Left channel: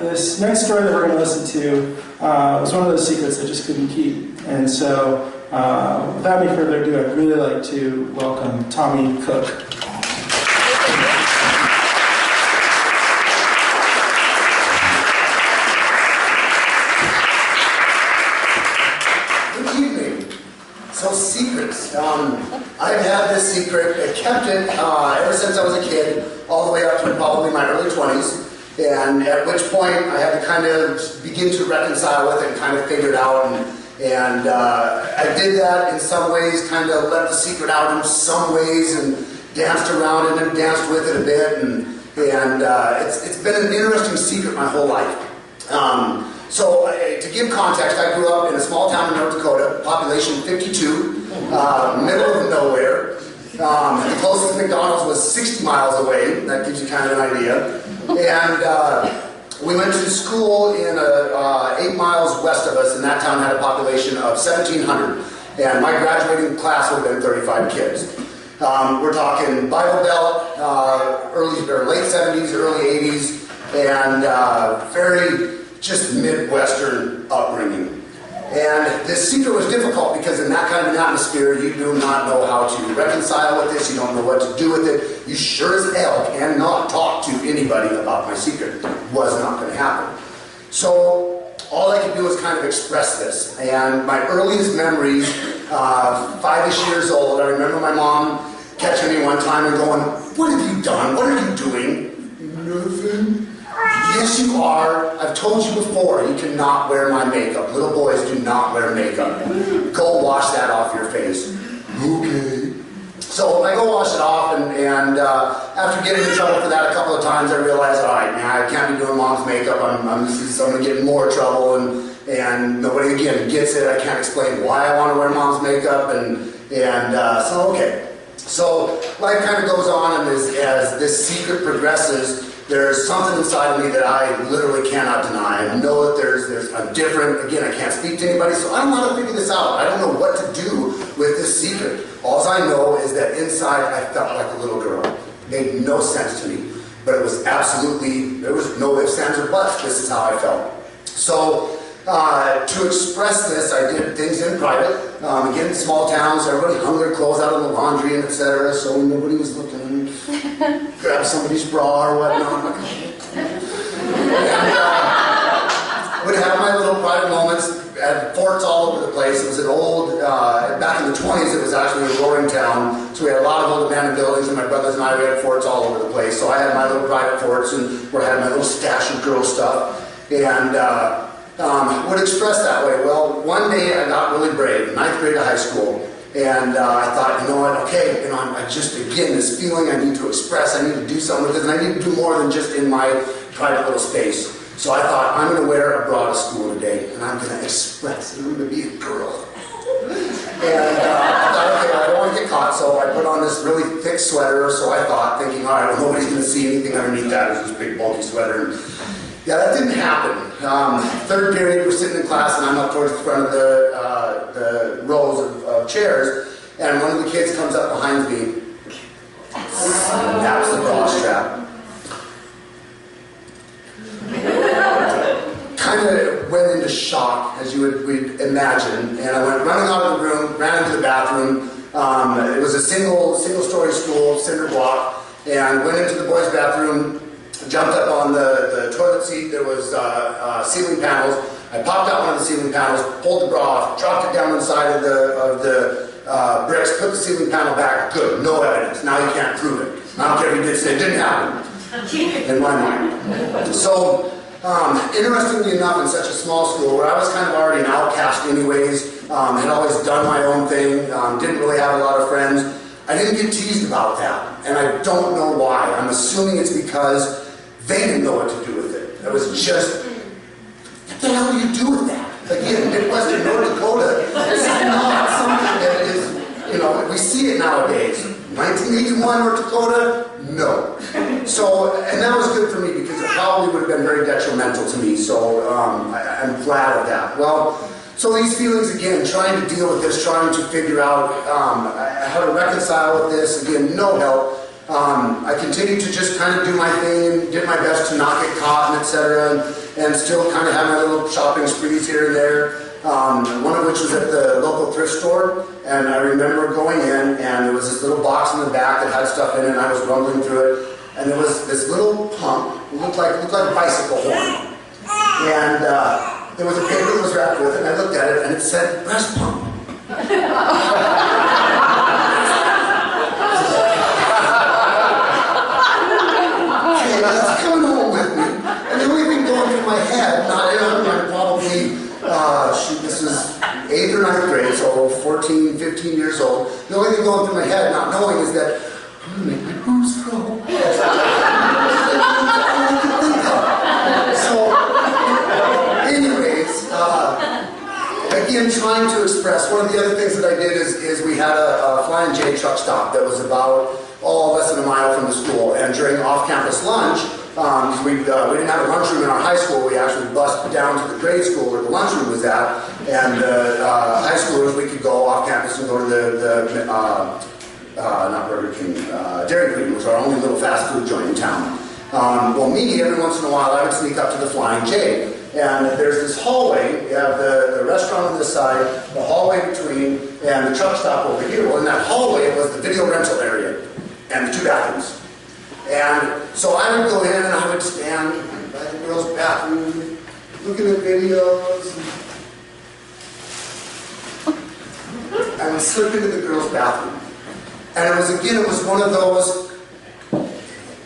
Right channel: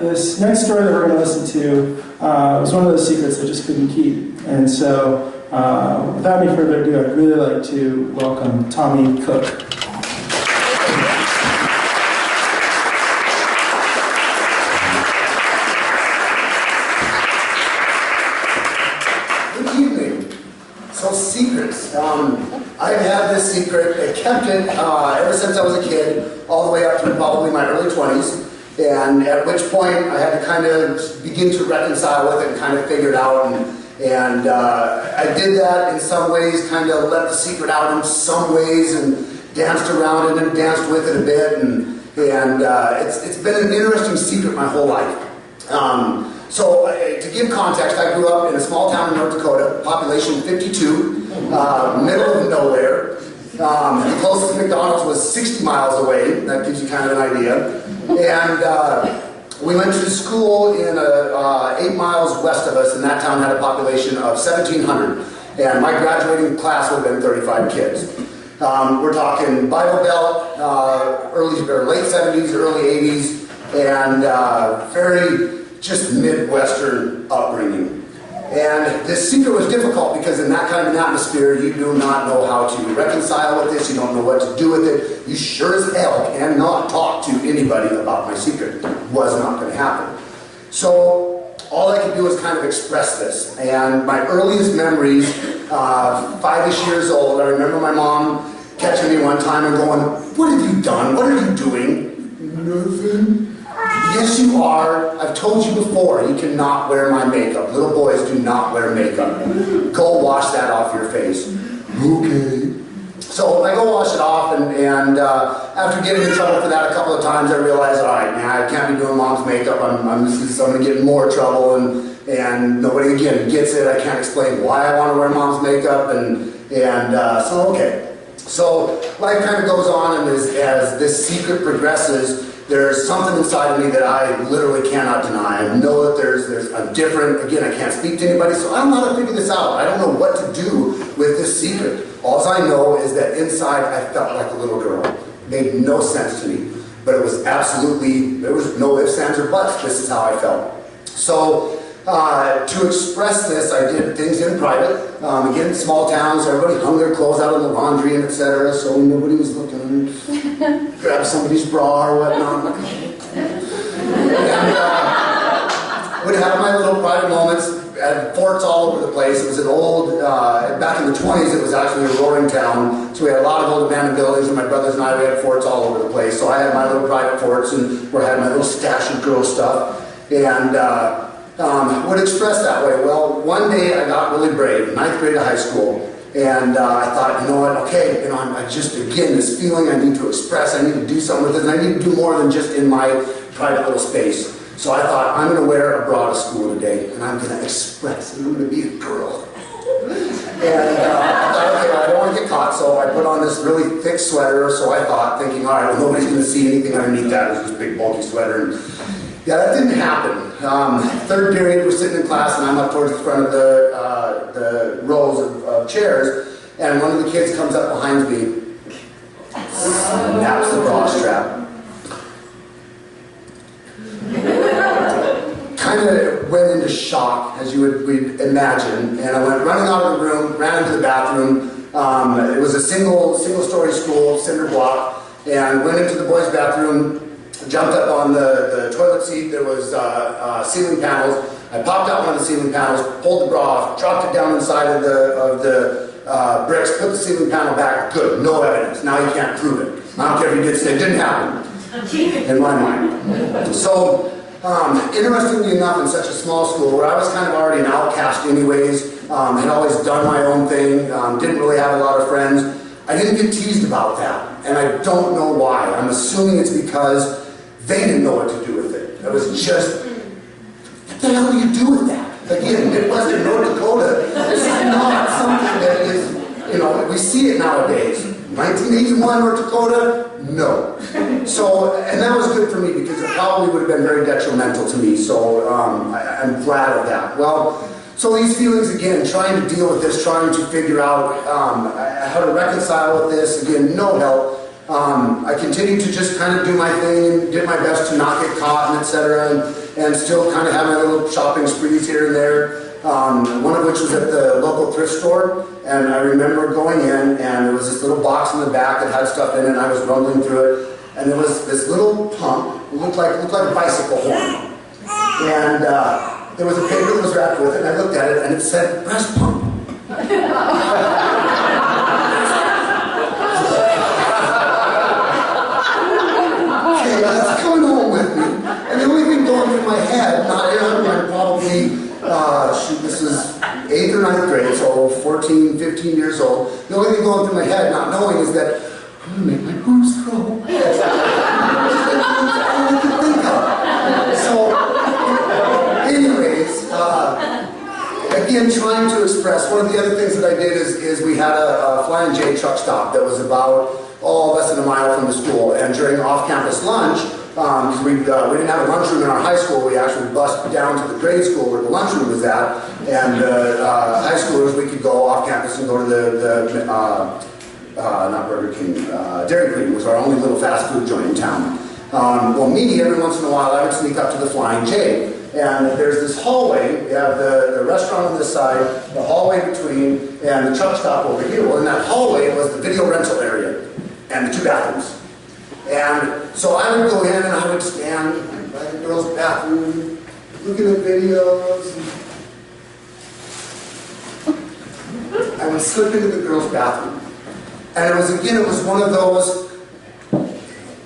this next story that we're going to listen to was one of those secrets I just couldn't keep. And so, without any further ado, I'd really like to welcome Tommy Cook. So secrets. I've had this secret. I kept it ever since I was a kid, all the way up to probably my early 20s. And at which point I had to kind of begin to reconcile with it and kind of figure it out. And I did that in some ways, kind of let the secret out in some ways, and danced around it and danced with it a bit. And it's been an interesting secret my whole life. So to give context, I grew up in a small town in North Dakota, population 52, middle of nowhere. The closest McDonald's was 60 miles away. That gives you kind of an idea. And we went to school in 8 miles west of us, and that town had a population of 1,700. And my graduating class would have been 35 kids. We're talking Bible Belt, late 70s, early 80s, and very just Midwestern upbringing. And this secret was difficult because in that kind of an atmosphere, you do not know how to reconcile with this, you don't know what to do with it. You sure as hell cannot talk to anybody about my secret. It was not going to happen. So all I could do was kind of express this. And my earliest memories, 5-ish years old, I remember my mom catching me one time and going, "What have you done? What are you doing?" "Nothing." "Yes, you are. I've told you before, you cannot wear my makeup. Little boys do not wear makeup. Go wash that off your face." "Okay." So I go wash it off, and after getting in trouble for that a couple of times, I realized, all right, man, I can't be doing mom's makeup. I'm going to get in more trouble, and nobody, again, gets it. I can't explain why I want to wear mom's makeup, so okay. So life kind of goes on, and as this secret progresses, there's something inside of me that I literally cannot deny. I know that I'm different. Again, I can't speak to anybody, so I don't know how to figure this out. I don't know what to do with this secret. All I know is that inside I felt like a little girl. It made no sense to me. But it was absolutely, there was no ifs, ands, or buts. This is how I felt. So to express this, I did things in private. Again, small towns, everybody hung their clothes out on the laundry and etc. So nobody was looking. Grab somebody's bra or whatnot. And would have my little private moments at forts all over the place. It was an old, back in the 20s, it was actually a roaring town. So we had a lot of old abandoned buildings, and my brothers and I, we had forts all over the place. So I had my little private forts, and where I had my little stash of girl stuff. And would express that way. Well, one day I got really brave, 9th grade of high school. And I thought, you know what, okay, I just, again, this feeling I need to express, I need to do something with this, and I need to do more than just in my private little space. So I thought, I'm going to wear a bra to school today, and I'm going to express, and I'm going to be a girl. And I thought, okay, I don't want to get caught, so I put on this really thick sweater, so I thought, thinking, all right, well, nobody's going to see anything underneath that. It was this big, bulky sweater. And yeah, that didn't happen. Third period, we're sitting in class, and I'm up towards the front of the rows of chairs, and one of the kids comes up behind me, snaps the bra strap. Kind of went into shock, as we'd imagine, and I went running out of the room, ran into the bathroom. It was a single-story school, cinder block, and went into the boys' bathroom, jumped up on the toilet seat. There was ceiling panels. I popped out one of the ceiling panels, pulled the bra off, dropped it down inside of the bricks, put the ceiling panel back. Good, no evidence. Now you can't prove it. I don't care if you did say it didn't happen, in my mind. So, interestingly enough, in such a small school where I was kind of already an outcast anyways, had always done my own thing, didn't really have a lot of friends, I didn't get teased about that. And I don't know why. I'm assuming it's because they didn't know what to do with it. It was just, what the hell do you do with that? Again, Midwestern North Dakota, it's not something that is, we see it nowadays. 1981 North Dakota, no. So, and that was good for me because it probably would have been very detrimental to me. So I'm glad of that. Well, so these feelings, again, trying to deal with this, trying to figure out how to reconcile with this, again, no help. I continued to just kind of do my thing and did my best to not get caught and etc. and still kind of have my little shopping sprees here and there. One of which was at the local thrift store, and I remember going in, and there was this little box in the back that had stuff in it, and I was rumbling through it, and there was this little pump. It looked like a bicycle horn, and there was a paper that was wrapped with it, and I looked at it, and it said breast pump. Okay, that's coming home with me, and the only thing going through my head, I'm probably, shoot, this is 8th or 9th grade, so 14, 15 years old. The only thing going through my head, not knowing, is that I'm going to make my boobs grow. That's all I could think of. So, anyways, again, trying to express, one of the other things that I did is we had a Flying J truck stop that was about, less than a mile from the school, and during off-campus lunch, because we didn't have a lunchroom in our high school, we actually bused down to the grade school where the lunchroom was at, and high schoolers, we could go off campus and go to the not Burger King, Dairy Queen was our only little fast food joint in town. Well, me, every once in a while, I would sneak up to the Flying J, and there's this hallway. You have the restaurant on this side, the hallway between, and the truck stop over here. Well, in that hallway was the video rental area and the 2 bathrooms. And so I would go in and I would stand by the girls' bathroom, looking at videos. I would slip into the girls' bathroom. And it was one of those,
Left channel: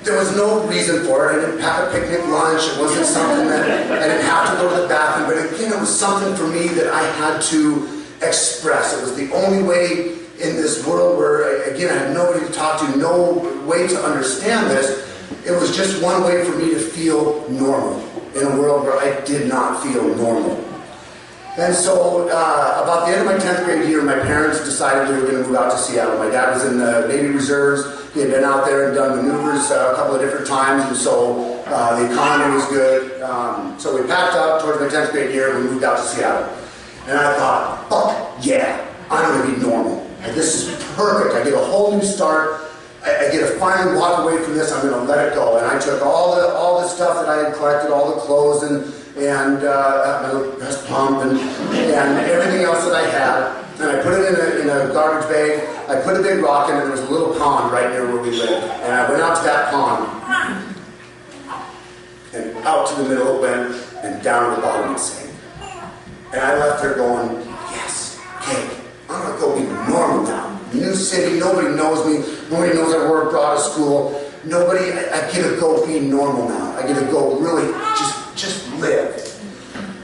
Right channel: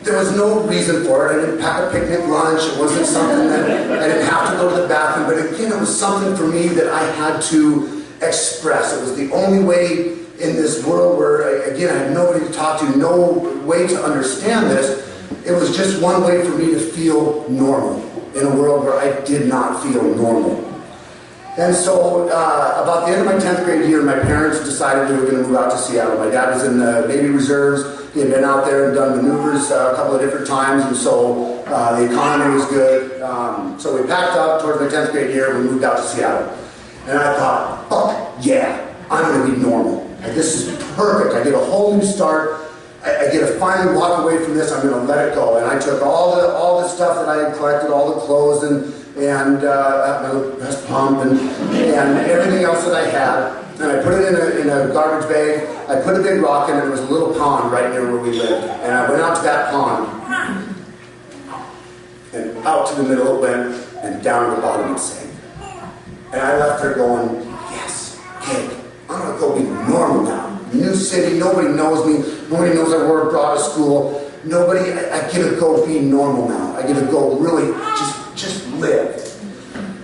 there was no reason for it. I didn't pack a picnic lunch. It wasn't something that I didn't have to go to the bathroom. But again, it was something for me that I had to express. It was the only way in this world where, again, I had nobody to talk to, no way to understand this. It was just one way for me to feel normal in a world where I did not feel normal. And so, about the end of my 10th grade year, my parents decided they were going to move out to Seattle. My dad was in the Navy Reserves. He had been out there and done maneuvers a couple of different times, and so the economy was good. So we packed up towards my 10th grade year, and we moved out to Seattle. And I thought, fuck yeah, I'm going to be normal. Like, this is perfect. I get a whole new start. I get to finally walk away from this. I'm going to let it go. And I took all the stuff that I had collected, all the clothes and my little breast pump and everything else that I had, and I put it in a garbage bag. I put a big rock in it. There was a little pond right near where we lived, and I went out to that pond, and out to the middle it went, and down to the bottom it sank. And I left there going, yes, okay, I'm going to go be normal now. New city, nobody knows me. Nobody knows I wore a bra to school. Nobody, I get to go be normal now. I get to go really just live.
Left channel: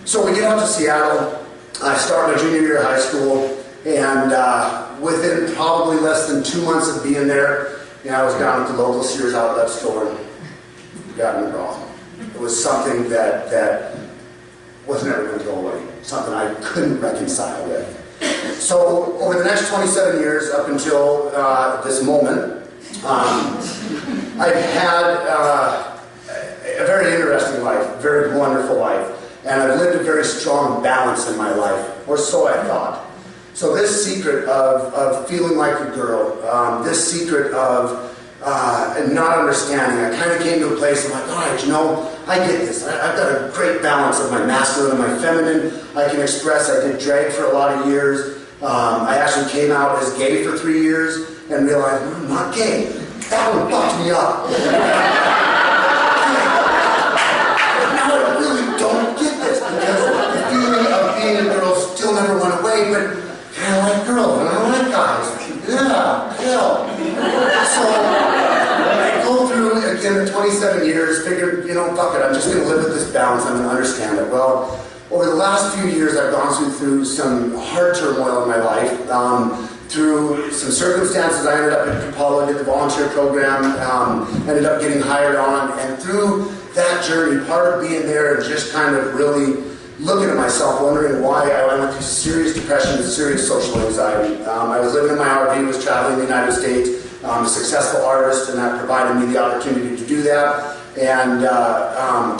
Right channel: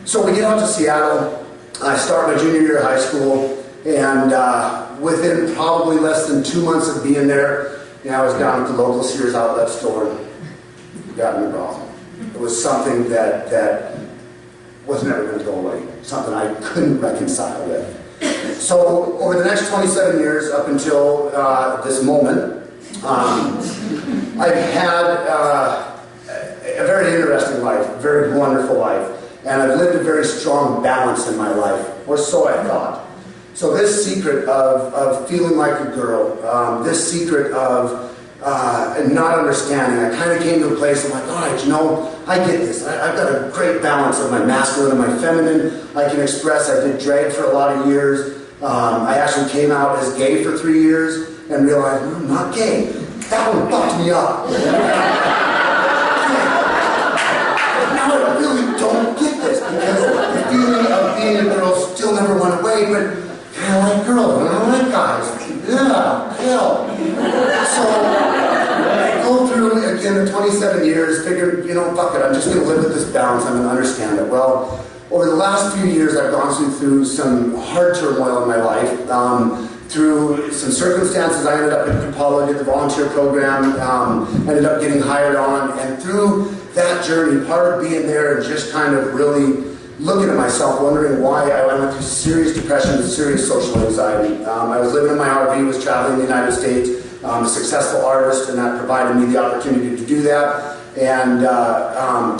So we get out to Seattle. I start my junior year of high school, and within probably less than 2 months of being there, I was down at the local Sears outlet store, got in the bra. It was something that was never going to go away, something I couldn't reconcile with. So over the next 27 years, up until this moment, I've had a very interesting life, a very wonderful life, and I've lived a very strong balance in my life, or so I thought. So this secret of feeling like a girl, this secret of not understanding, I kind of came to a place of like, all right, I get this. I've got a great balance of my masculine and my feminine. I can express. I did drag for a lot of years. I actually came out as gay for 3 years and realized, I'm not gay. That one fucked me up. Now I really don't get this, because the feeling of being a girl still never went away, but I like girls and I like guys. Yeah, hell. So I go through, again, the 27 years, figured, fuck it, I'm just going to live with this balance, I'm going to understand it. Well, over the last few years, I've gone through some hard turmoil in my life. Through some circumstances, I ended up at Capella, did the volunteer program, ended up getting hired on, and through that journey, part of being there and just kind of really looking at myself, wondering why I went through serious depression and serious social anxiety. I was living in my RV, was traveling the United States, a successful artist, and that provided me the opportunity to do that. And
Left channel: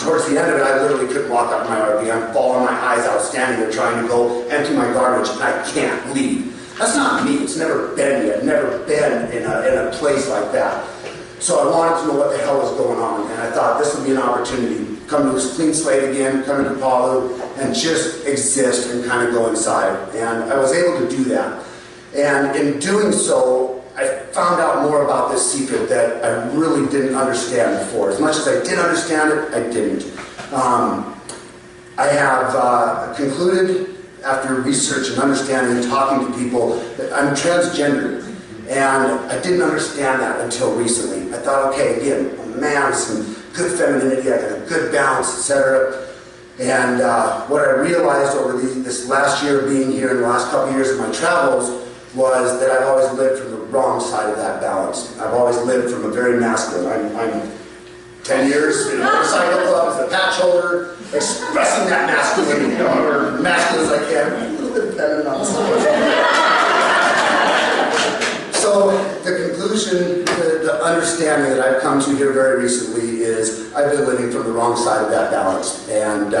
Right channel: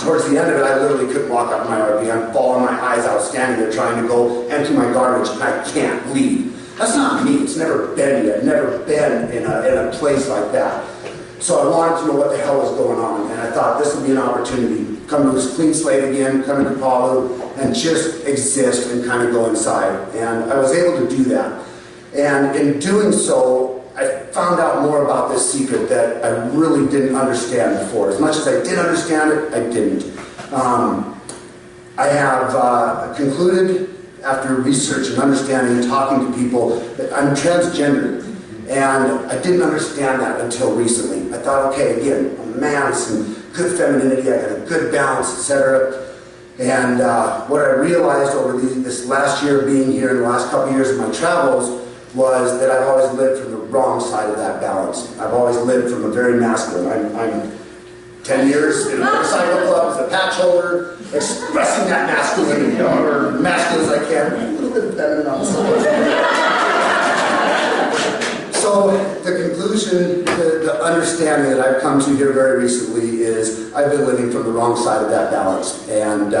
towards the end of it, I literally couldn't walk out of my RV. I'm bawling my eyes out, standing there trying to go empty my garbage, and I can't leave. That's not me. It's never been me. I've never been in a place like that. So I wanted to know what the hell was going on, and I thought this would be an opportunity. Come to this clean slate again, come to Palu, and just exist and kind of go inside. And I was able to do that. And in doing so, I found out more about this secret that I really didn't understand before. As much as I did understand it, I didn't. I have concluded, after research and understanding and talking to people, that I'm transgender. And I didn't understand that until recently. I thought, okay, again, I'm a man with some good femininity, I got a good balance, etc. And what I realized over this last year of being here and the last couple of years of my travels was that I've always lived from the wrong side of that balance. I've always lived from a very masculine. I'm 10 years in a motorcycle club as a patch holder, expressing that masculinity, or masculine as I can, a little bit feminine on the side. So the conclusion, the understanding that I've come to here very recently is I've been living from the wrong side of that balance. And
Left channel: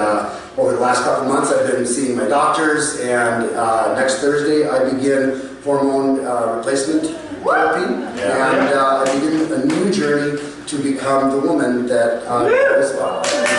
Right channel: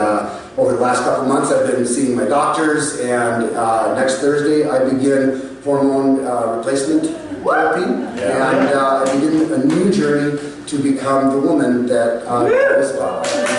over the last couple of months I've been seeing my doctors, and next Thursday I begin hormone replacement therapy. And I begin a new journey to become the woman that I was.